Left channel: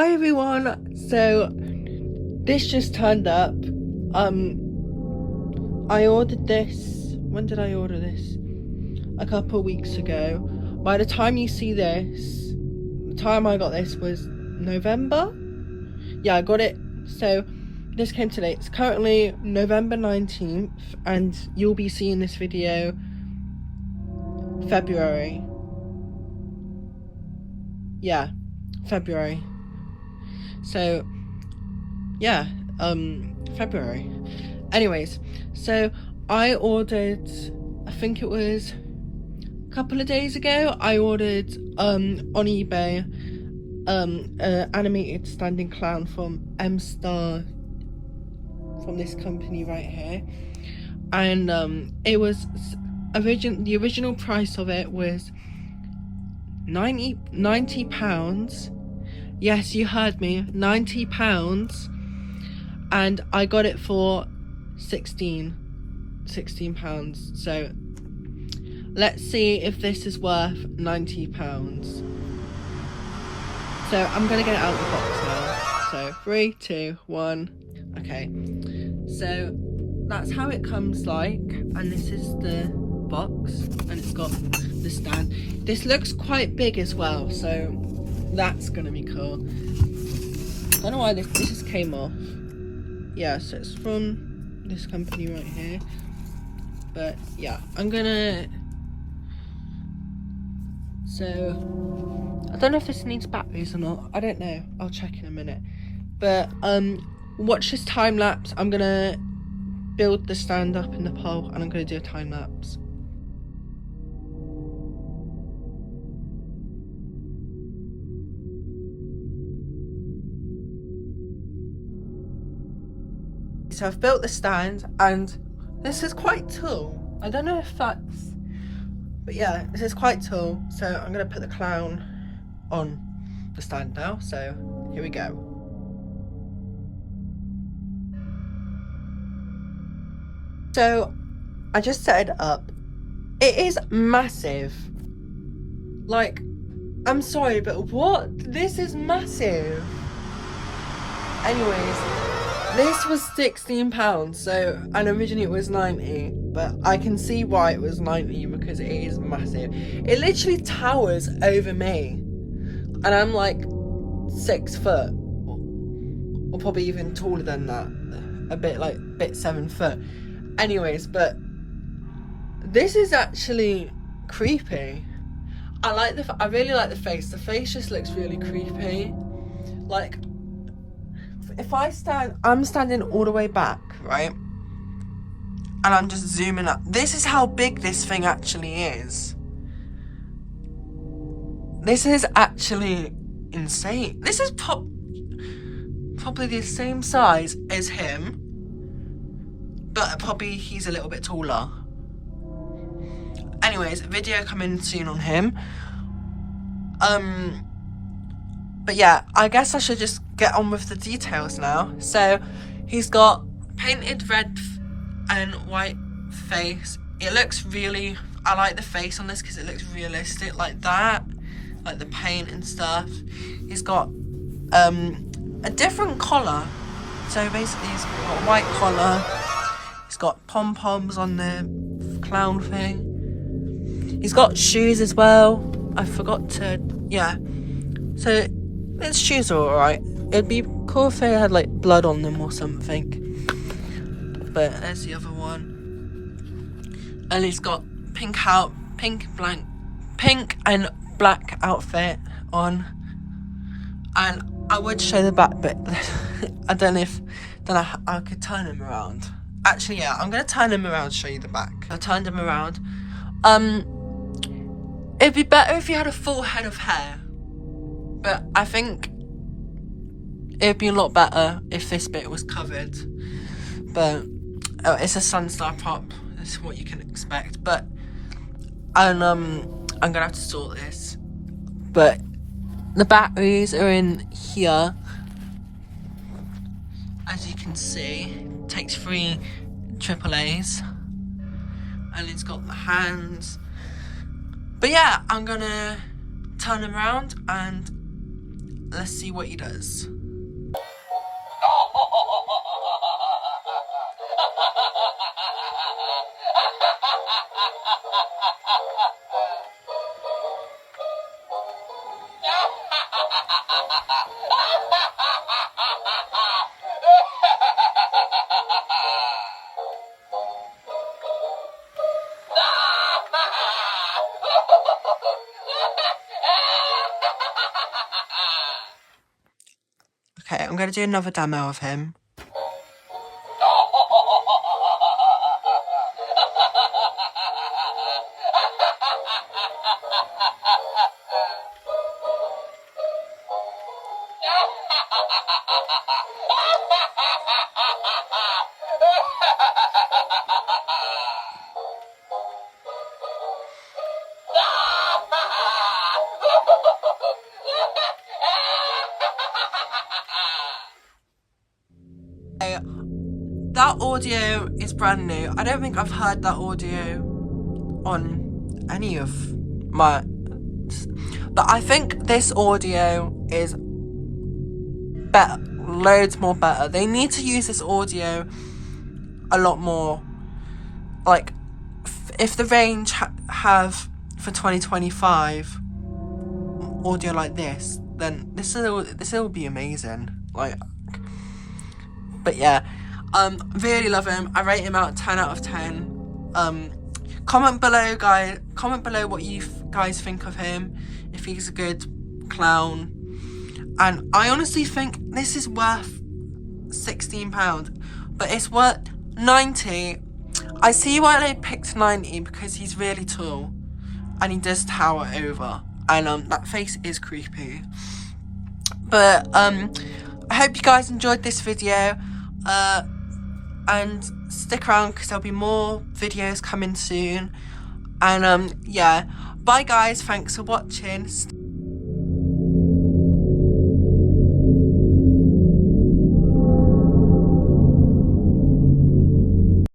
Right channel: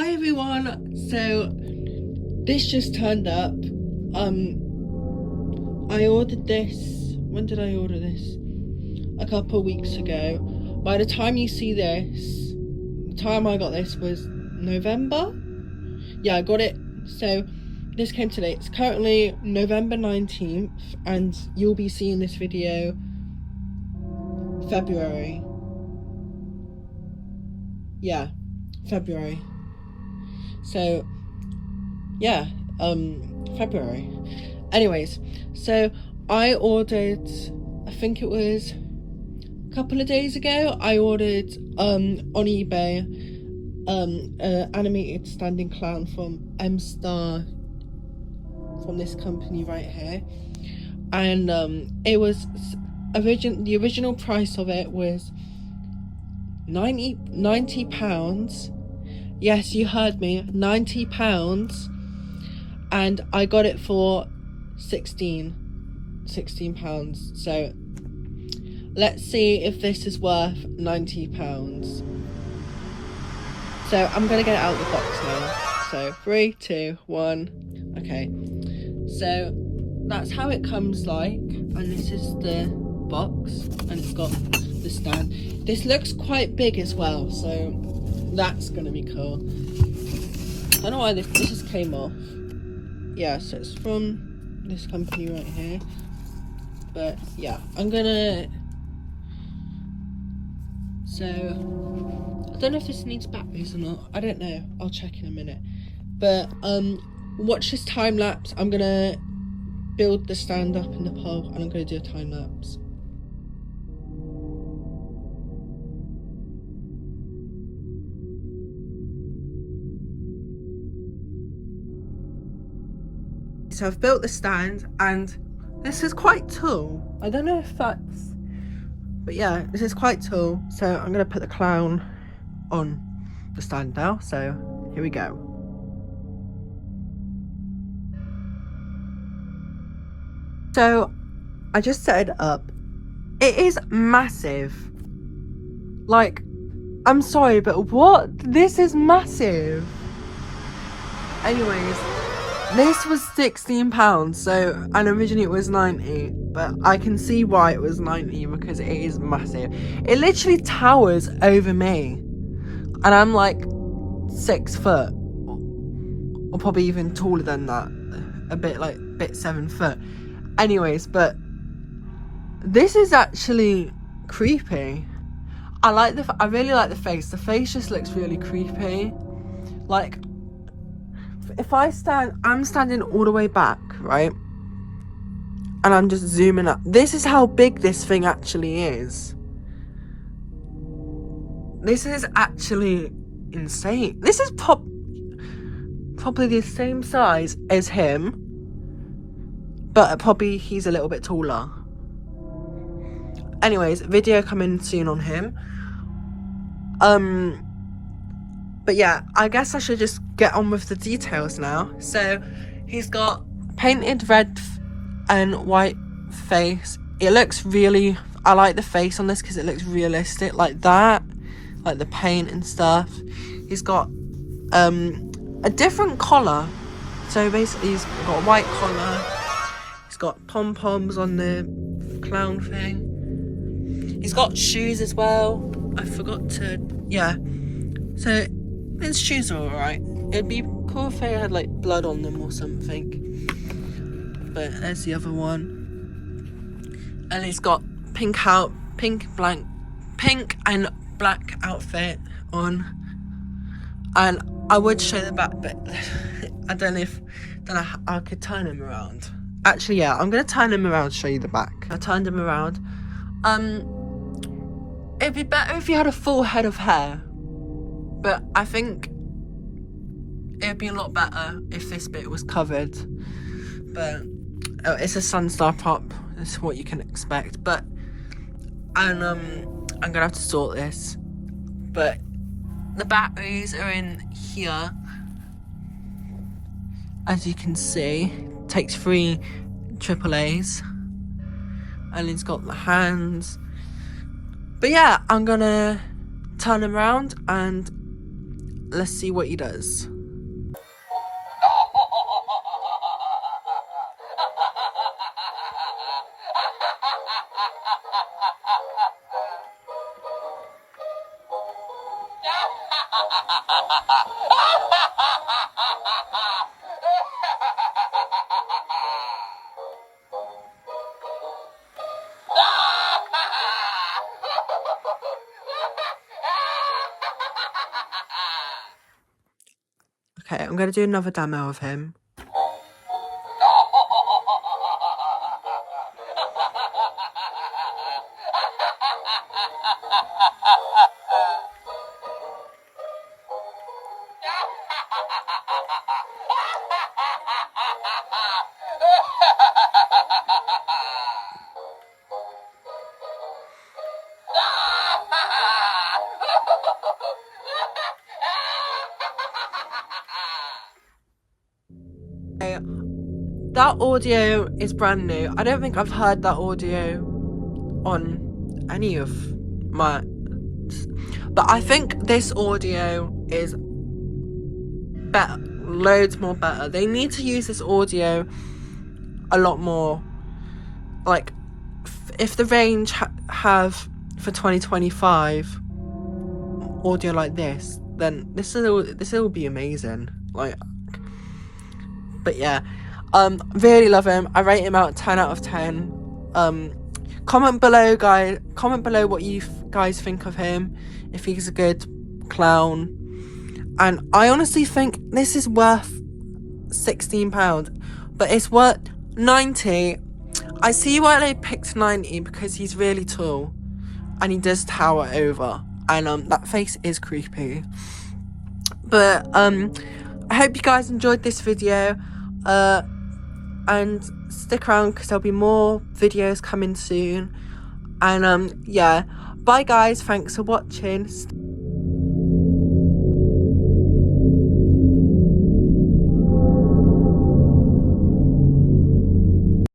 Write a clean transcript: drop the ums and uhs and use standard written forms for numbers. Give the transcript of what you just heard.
Hi everyone, so this just turned up. I ordered this, when did I order this? A couple of weeks ago. By the time you see this, the time I got this was November? Yeah, I got it, so this came today. It's currently November 19th and you'll be seeing this video February. Yeah, February. So yeah, February. Anyways, so I ordered, I think it was a couple of days ago, I ordered on eBay an animated standing clown from M-Star, from this company right here, and it was the original price of it was £90. Yes, you heard me, £90, and I got it for £16. So let's see if this is worth £90. So I'm gonna get it out of the box now. So 3, 2, 1. Okay, so that's how it comes like, and this is the box, and it's got the stand. This looks quite big as well, so that's gonna be cool. Don't know why this just came off. Yeah, so it's from this company right here. But yeah, I'm gonna, so I don't know if this needs batteries or not. I don't know, I'll check in a minute. But watch this time lapse. I'm gonna build the stand up in the pole and I'm gonna do a time lapse. So I've built the stand and this is quite tall. I don't know if that's, but yeah, this is quite tall. So I'm gonna put the clown on the stand now. So here we go. So I just set it up. It is massive. Like, I'm sorry, but what? This is massive. Anyways, this was £16, so, and originally it was 90, but I can see why it was 90 because it is massive. It literally towers over me, and I'm like 6 foot, or probably even taller than that, a bit 7 foot. Anyways, but this is actually creepy. I really like the face. The face just looks really creepy. Like, if I'm standing all the way back, right? And I'm just zooming up. This is how big this thing actually is. This is actually insane. This is probably the same size as him, but probably he's a little bit taller. Anyways, video coming soon on him. But yeah, I guess I should just get on with the details now. So he's got painted red and white face. It looks really, I like the face on this because it looks realistic like that, like the paint and stuff. He's got a different collar. So basically he's got a white collar. He's got pom-poms on the clown thing. He's got shoes as well. I forgot to, yeah. So his shoes are alright. It'd be cool if they had like blood on them or something. But there's the other one. And he's got pink and black outfit on. And I would show the back, but I don't know if I could turn him around. Actually, yeah, I'm gonna turn him around, show you the back. I turned him around. It'd be better if you had a full head of hair, but I think it'd be a lot better if this bit was covered. But it's a Sunstar prop. That's what you can expect. But I'm gonna have to sort this. But the batteries are in here, as you can see. Takes 3 AAAs, and he's got the hands. But yeah, I'm gonna turn him around and let's see what he does. Okay, I'm going to do another demo of him. That audio is brand new. I don't think I've heard that audio on any of my... But I think this audio is better, loads more better. They need to use this audio a lot more. Like, if the range have for 2025 audio like this, then this will be amazing. Like, but yeah, really love him. I rate him out 10 out of 10. Comment below, guys. Comment below what you guys think of him, if he's a good clown. And I honestly think this is worth £16, but it's worth 90. I see why they picked 90, because he's really tall and he does tower over, and that face is creepy. But I hope you guys enjoyed this video, and stick around because there'll be more videos coming soon. And yeah, bye guys, thanks for watching.